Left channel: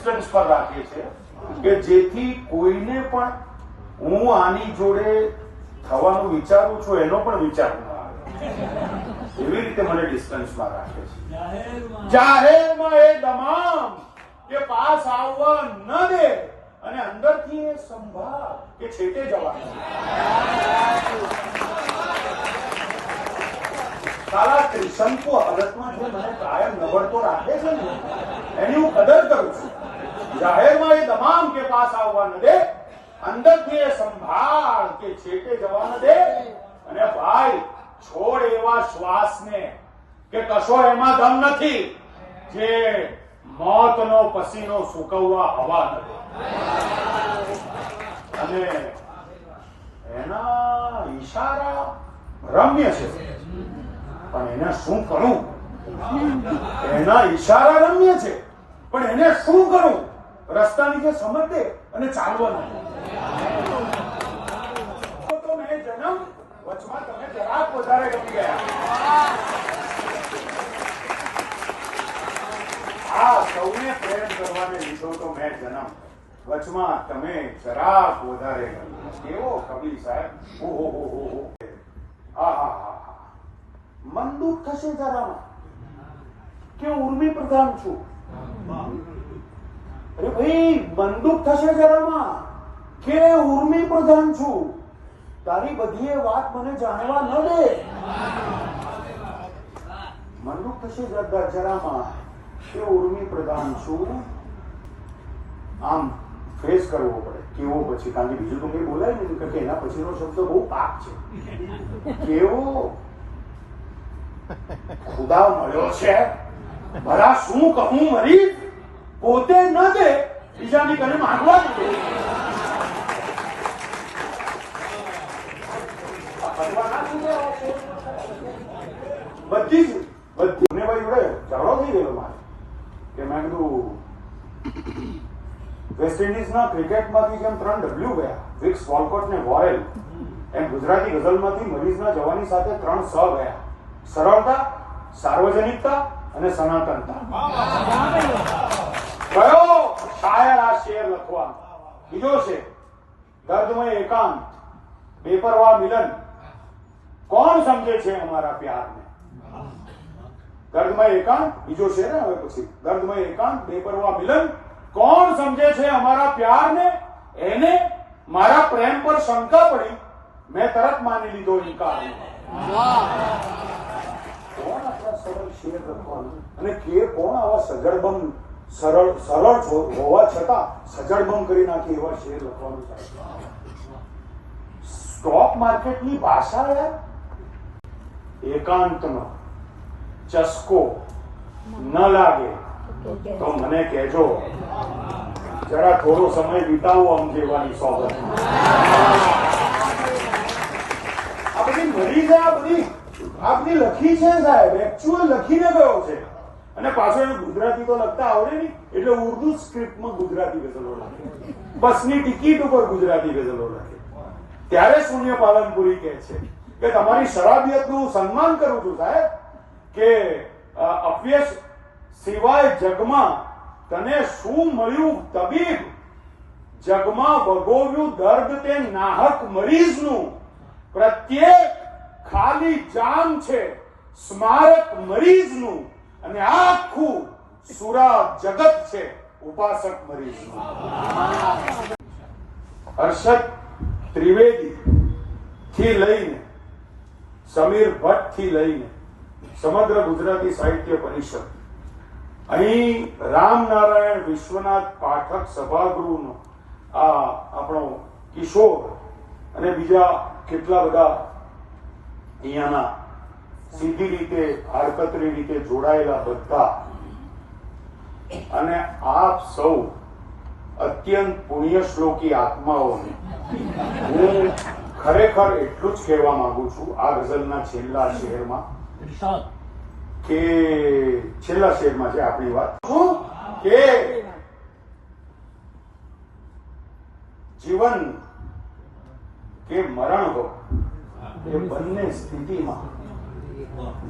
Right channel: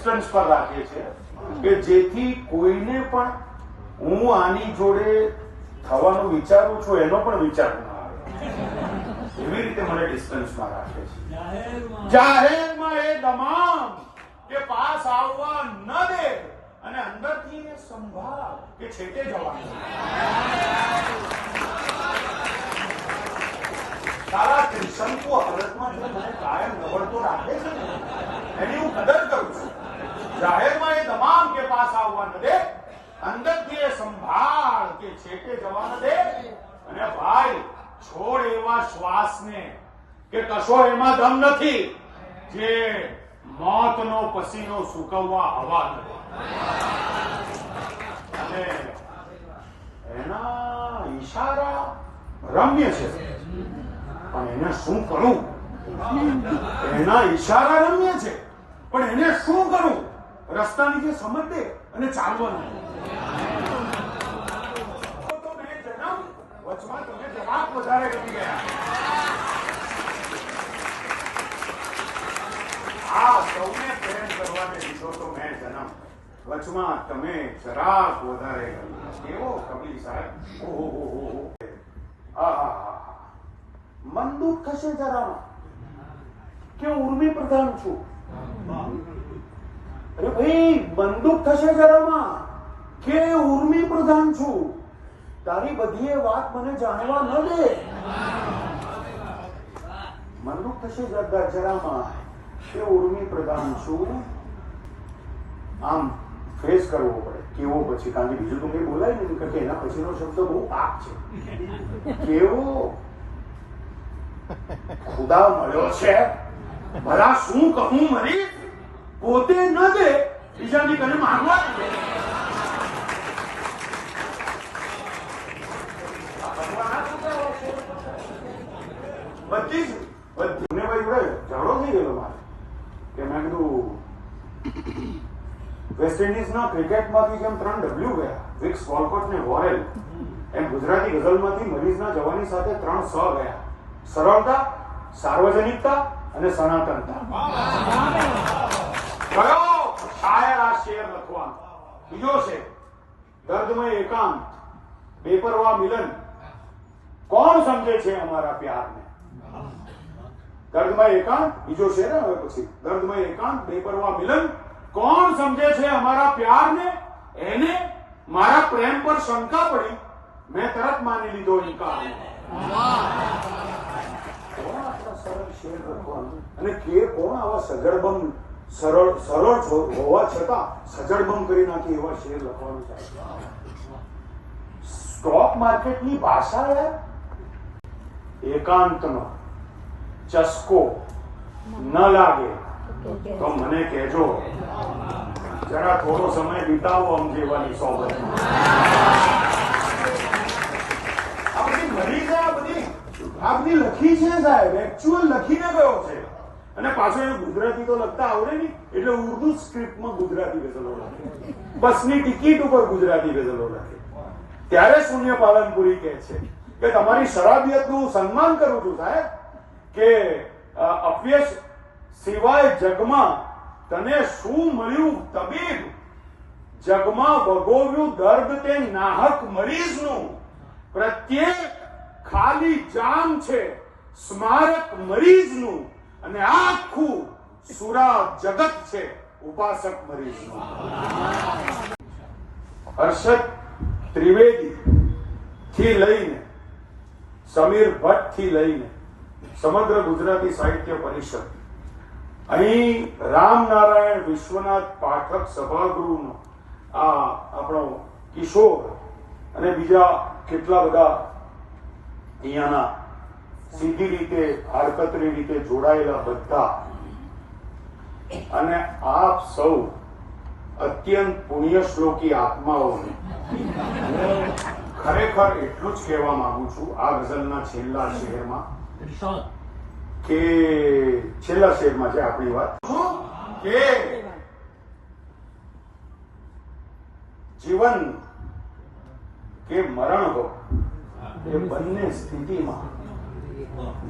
Distance પર રાખીએ છીએ કે જેથી કોઈને પણ હું આની જોડે થવાનું વિચારું છું એનો પણ વિચાર ના આવે, એવી રીતે મને ડિસ્ટન્સમાં રાખે છે. જાહેરમાં એ તમામ કે પાસ આવવા ન દે અને અંદરથી એ સંભાળ કે છેટે જવાનું. તારા ત્રિશંકુ હાલતમાં જે મને કાયમ નબળતો રાખે છે ને એની હું કદર કરું છું. જાહેરમાં એ તમામ કે પાસ આવવા ન દે, અંદરથી એ સંભાળ કે છેટે જવા ન દે. અને ભાઈ છોડ એવા શ્વાસને કે કશો એમાં દમ નથી જે મોતનો પસીનો સૂકવવા હવા નથી. અને એના ઈશારા રમ્ય છે પણ એને શું કરું? એના ઈશારા રમ્ય છે પણ એને શું કરું? રસ્તાની જે સમજ દે અને ચાલવા નથી. તો મેં જન્મ વચમાં તમે જરાક વધારે ગમી ગયા. આ સૌને પ્રેમ કરવાને લીધો તો મેં જન્મ વચમાં તમે જરાક વધારે ગમી. એવો કબીર સાહેબ. મન દુઃખ થશે જરામાં કે ઉર્મી પ્રધાન છું. અરે ભાઈ મન દુઃખ થશે જરામાં કે ઉર્મી પ્રધાન છું. તારી બધી વાત મને જાણવા ન દે. મન દુઃખ થશે જરામાં કે ઉર્મી પ્રધાન છું. આમ ફેસ કરવો પડે. કેવો પછી? કારણ કે બીજું તો કઈ બોલાય નહીં કે એના પછીનો શબ્દ બહુ પાક છે. કેવો ખુદા મળ્યો છે. ભલા શું કહું મરી પોતે ન દે બીજાની ઘરે માંગવા દે. બધી જાણો થઈ ગયેલો મારે કે મેં કીધું વેસ્ટ ઇન્ડિઝના ક્રિકેટમાંથી જેમ 3 ડબલ્યુ ગયા, વિક્સ, વોલકોટ ને વોરેલ, એમ ગુજરાતી ગઝલમાંથી મરીઝના જવાની સાથે 3 સ ગયા. સરળતા, સાર્વજનિકતા અને સનાતનતા. કયો શાયર આ શેર લખવાનો? બીજો છે દર્દમય એકાંત, બેપરવા મિલન, કોણ સમજે છે અમારા પ્યારને? દર્દમય એકાંત બીજો શેર. હવે પછી દર્દમય એકાંત, બેપરવા મિલન, કોણ સમજે છે અમારા પ્યારને? એને મારા પ્રેમ પર શંકા પડી, મેં તરત માની લીધો ઇનકાર. અને કે કોણ આવા સજળબમ સરળ હોવા છતાં સજળબમ કરી નાખી એવા શેર લખવાનું થાય? સ્ટોક માર્કેટની ભાષા યાર. એકાંતનો ચસ્કો ન લાગે તો મને કહેજો, જરા થોડો સમય વિતાવો આમ જીવવાની સોબત. આ બધી મળી જાય, આ બધી લખી છે સાહેબ, એકચ્યુઅલ લખીને ગયો છે. અને પાછો એને ગુજરાતી તો લખતા આવડે નહીં એટલે ઉર્દુ સ્ક્રિપ્ટમાં ગુજરાતી ગઝલો લખે, બસની ટિકિટ ઉપર ગુજરાતી ગઝલો લખે. ત્યારે શૂન્ય પાલનપુરી કહે છે કે તમારી શરાબિયતનું હું સન્માન કરું છું સાહેબ, કે અપયશ સિવાય જગમાં તને શું મળ્યું તબીબ? જગમાં વગોવ્યું દર્દ તે નાહક મરીઝનું, પ્રત્યેક ખાલી જામ છે સ્મારક મરીઝનું, અને આખું સુરા જગત છે ઉપાસક મરીઝનું. હર્ષદ ત્રિવેદી થી લઈને સમીર ભટ્ટ થી લઈને સમગ્ર ગુજરાતી સાહિત્ય પરિષદ, અહીં રામનારાયણ વિશ્વનાથ પાઠક સભાગૃહનો આ આપણો કિશોર અને બીજા કેટલા બધા અહીંયાના સીધી રીતે આડકતરી રીતે જોડાયેલા બધા, અને આપ સૌ અત્યંત પુણ્યશ્લોકી આત્માઓને હું ખરેખર એટલું જ કહેવા માંગુ છું આ ગઝલના છેલ્લા શેરમાં, કે છેલ્લા શેરમાં છે આપણી વાત કે જીવન કે મરણ હો એ બંને સ્થિતિમાં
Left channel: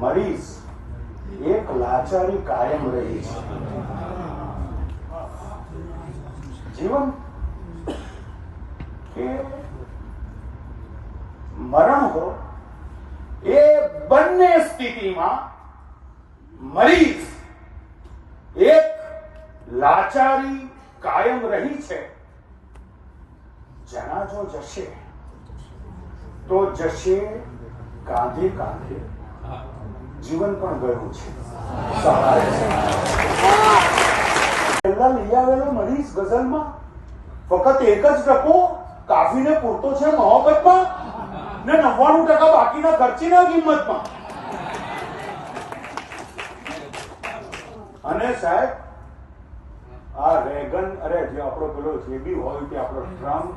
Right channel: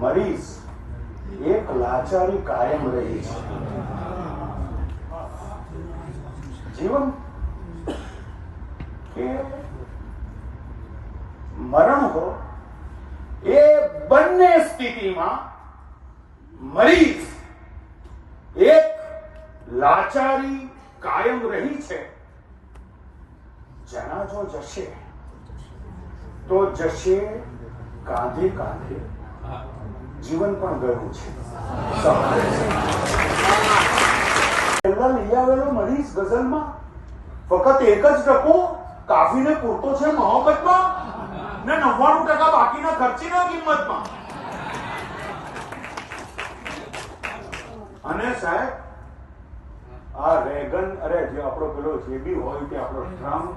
મરીઝ એક લાચારી કાયમ રહી છે. જીવન કે મરણ હો, એ બંને સ્થિતિમાં મરીઝ એક લાચારી કાયમ રહી છે. જનાજો જશે તો જશે કાંધે કાંધે, જીવન પણ ગયું છે. પહેલા લઈ આવેલો મરીઝ ગઝલમાં ફક્ત એક જ ટકો કાફીને પૂરતો છે મોહબ્બતમાં, ને 99% બાકીના ખર્ચીના કિંમતમાં. અને સાહેબ આ રેગન, અરે જે આપણો પેલો જે બી હોય તે આપણો ટ્રમ્પ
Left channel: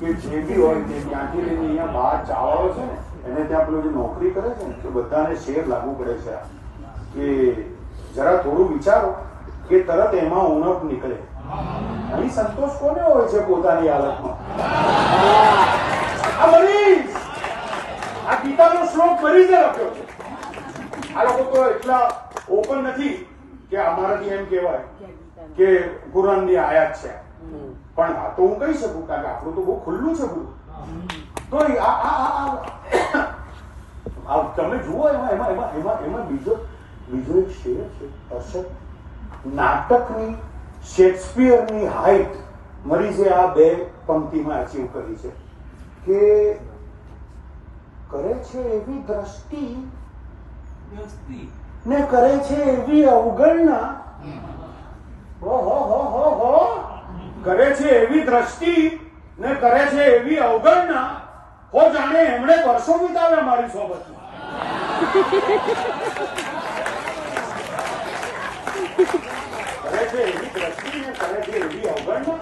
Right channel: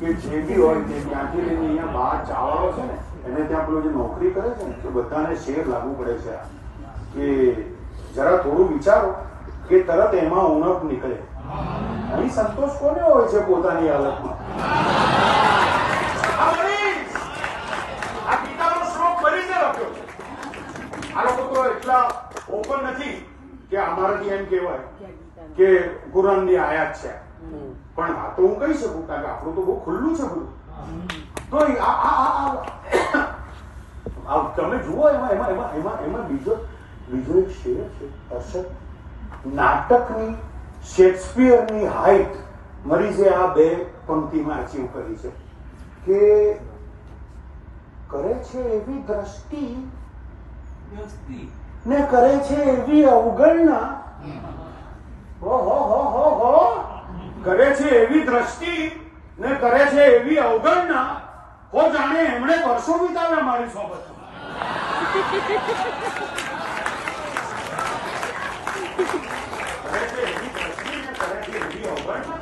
કે જે બી હોય તે ત્યાંથી લઈને અહીંયા બહાર ચાવાળો છે ને, એને ત્યાં પેલો જે નોકરી કરે છે ને, કે બધાને શેર લાગુ પડે છે કે જરા થોડું વિચારો કે તરત એમાં ઉણપ નીકળે. અહીં સંતોષ કોને હોય છે પોતાની હાલતમાં? આ ગીતાનો શ્લોક મરીઝે લખ્યો છે. આ લોકો તો એટલા ઓપન નથી કે અમારાથી એમ કહેવાય કે કુરાનની આયાત છે, પણ આ તો હું કહી શકું કારણ કે આપણું તો બહુ ખુલ્લું છે બધું. તો તમે જુઓ એમાં બીજો એક શેર છે. અર્ષદ, નાટકની શેક્સપિયરની હાઈટ મરીઝે આ બે પંક્તિમાં અચીવ કરી છે કે કરે છે એવી દ્રષ્ટિ ને કરે છે એવી અવગણના, કરે છે એવી દ્રષ્ટિ ને કરે છે એવી અવગણના, હો જાણે એમણે વર્ષો વિતાવ્યા મારી સોબતમાં. કરે છે એવી દ્રષ્ટિ ને કરે છે એવી અવગણના,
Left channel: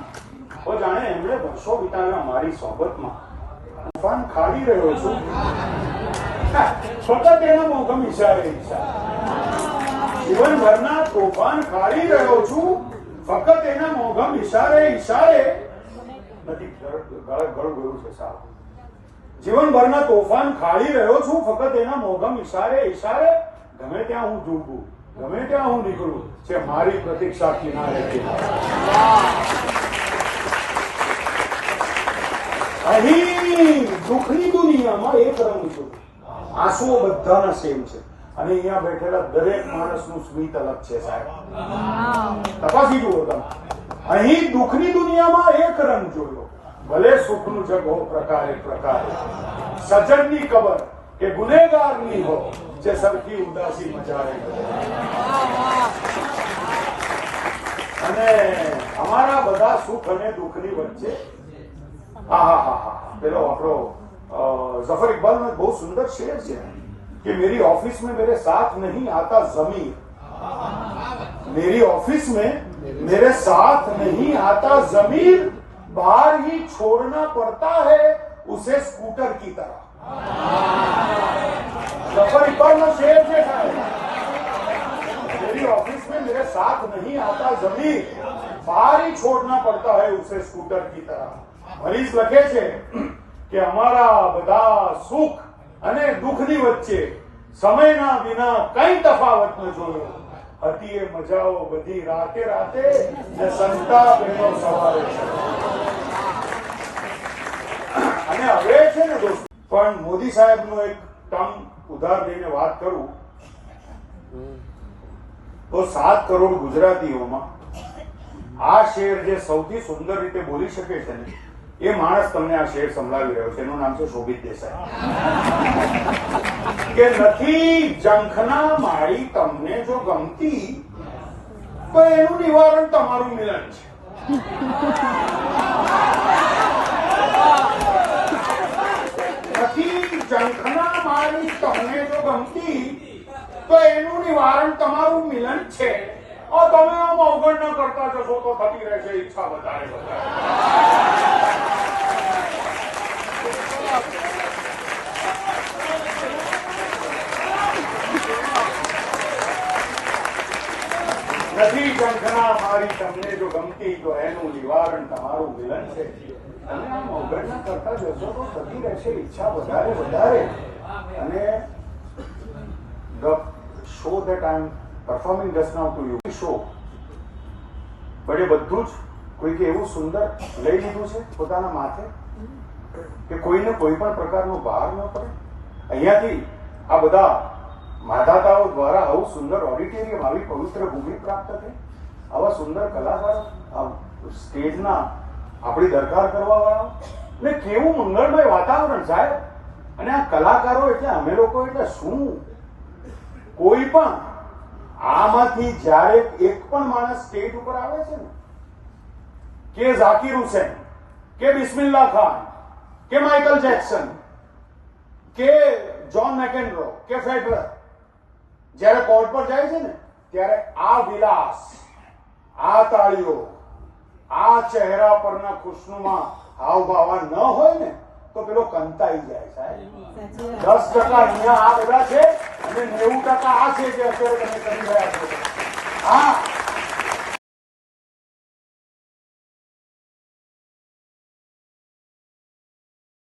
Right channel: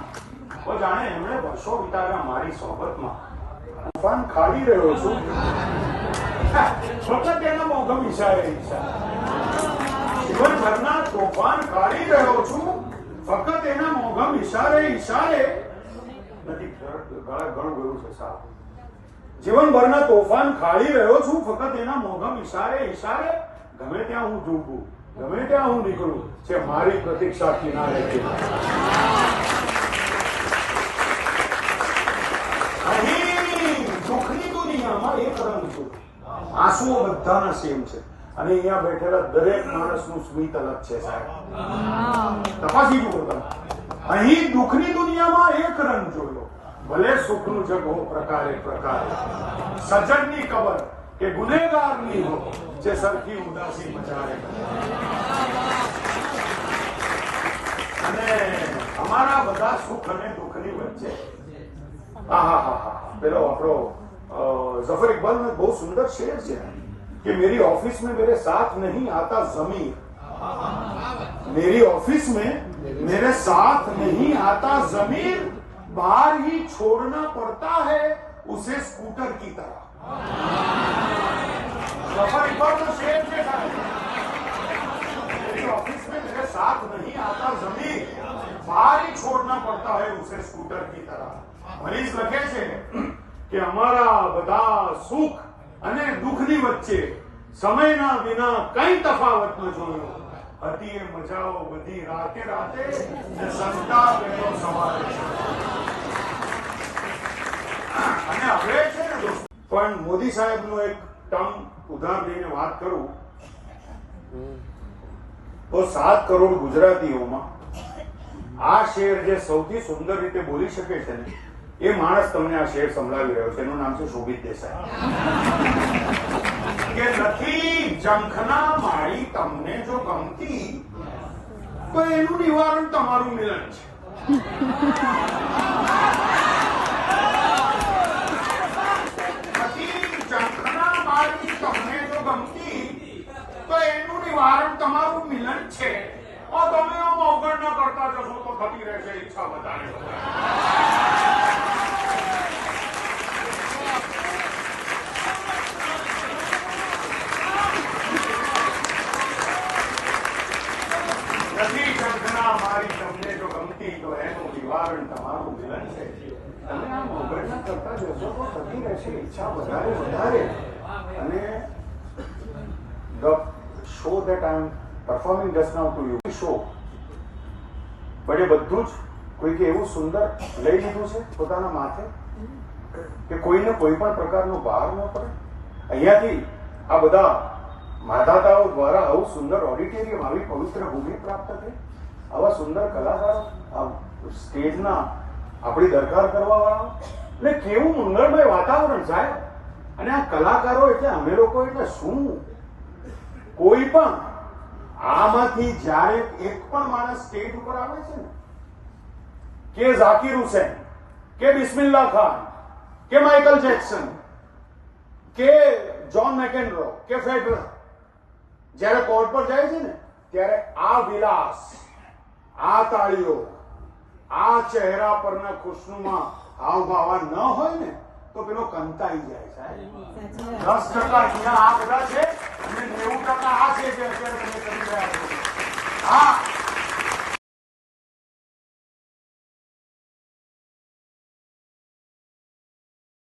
હો જાણે એમણે વર્ષો વિતાવ્યા મારી સોબતમાં. તોફાન ખાડી રહ્યો છું ફક્ત એના મોઘમ ઈશારે જીવનભરના તોફાન ખાડી રહ્યો છું ફક્ત એના મોઘમ ઈશારે નથી ગળું ગયું છે સાહેબ. જીવનભરના તોફાન ખાડી રહ્યો છું ફક્ત એના મોઘમ ઈશારે ગમે ત્યાં હું ઝૂકું, ગમે ત્યાં હું નીકળું છે મારી પ્રતીક્ષા કિનારે. અહીં દુઃખની દુનિયામાં એક રંગ છે, આંસુઓ બધાના સેમ છે, અને અહીંયા બેઠેલા દરેક માણસનું સ્મિત અલગ છે સાહેબ. તપાસી જુઓ તમે. અહીં દુઃખની દુનિયામાં એક રંગ જોયો, ભલે સુખનું જગ હો પ્રકારે પ્રકારે, સજ્જનની કબર કે ગુનેગારની હો, જે સરખી ઉદાસી મચાવે. અને અમારા બધા સુખ અને દુઃખની વચ્ચે પેલો આપણો जफर इकबाल में बहुत सुंदर शेर है कि मेरी ऑफिस में मेरे साथ नहीं आता जमीर, मेरी ऑफिस में मेरे साथ नहीं आता जमीर, बाहर ही छोड़ना पड़ता है उसे स्कूटर की तरह. जफर इकबाल का शेर है, मेरी ऑफिस में मेरे साथ नहीं आता जमीर, बाहर ही छोड़ना पड़ता है उसे स्कूटर की तरह. મરીઝ લખે છે કે અમારા બધા સુખ અને દુઃખની વચ્ચે સમયના વિના કઈ તફાવત ન જોયો. હતી એ મજાઓ બધી રાતે રાતે ને સસ્તા બેનો સવારે. અને હવે છે ને દોસ્તો, પણ મોદી સાહેબનું એક ટર્મ ઉધાર લઈને વાત કરું તો 7 કરોડ ગુજરાતીઓમાં આ શેર જે સૌથી સુંદર રીતે બોલી શકે છે એ માણસ તમને આ શેર સંભળાવી રહ્યો છે. એનું નામ છે શોભિત દેસાઈ. કે નથી જંખના માળી તમને જો ગમતી તો એનું નિવારણ તમારું મિલન છે. નથી જંખના માળી તમને જો ગમતી તો એનું નિવારણ તમારું મિલન છે. તમે આમ અવગણના કરતા જશો તો થતી રહેશે ઈચ્છા વધારે નથી ઝંખના મારી તમને જો ગમતી તો એનું નિવારણ તમારું મિલન છે. તમે આમ અવગણના કરતા જશો તો થતી રહેશે ઈચ્છા વધારે. અને the show that I am performing just now to you show, but એ બધું જ કોઈકે એવું સુંદર લઈ લીધું છે પોતાના માથે કે કોઈને કોઈ પણ પ્રકારનો ભાર ન પડે? અહીંયાથી આ બધા માધાતાઓ દ્વારા આવું સુંદર ઓડિટોરિયમ, આવી પવિત્ર ભૂમિ પ્રાપ્ત થઈ, આવા સુંદર કલાકારો, આ સ્ટેજના આપણી દરકાર કરવા વાળા, ને કેવું મંગળમય વાતાવરણ સાહેબ. અને આ કલાકારો એટલે અમે લોકો એટલે શું? કોઈ પણ આમાંથી જ્યારે એક પણ માણસ સ્ટેજ ઉપર આવે છે ને, કે ઝાકિર હુસૈન, કે બિસ્મિલ્લાહ ખાન, કે માઇકલ જેક્સન, કે જ્હોન મેકેન્ડ્રો, કે ફેડરર, જ્યારે કોર્ટ પર જાય છે ને ત્યારે આ વિલાસ, આ તાળીઓ, આ ચહેરા પરના ખુશનુમા હાવભાવ ન હોય ને તો પેલો કંતાઈ જાય સાહેબ. 10% અહીંયા આ બધા છે અને 90% આ છે જે અત્યારે તમે કરી રહ્યા છો. હા,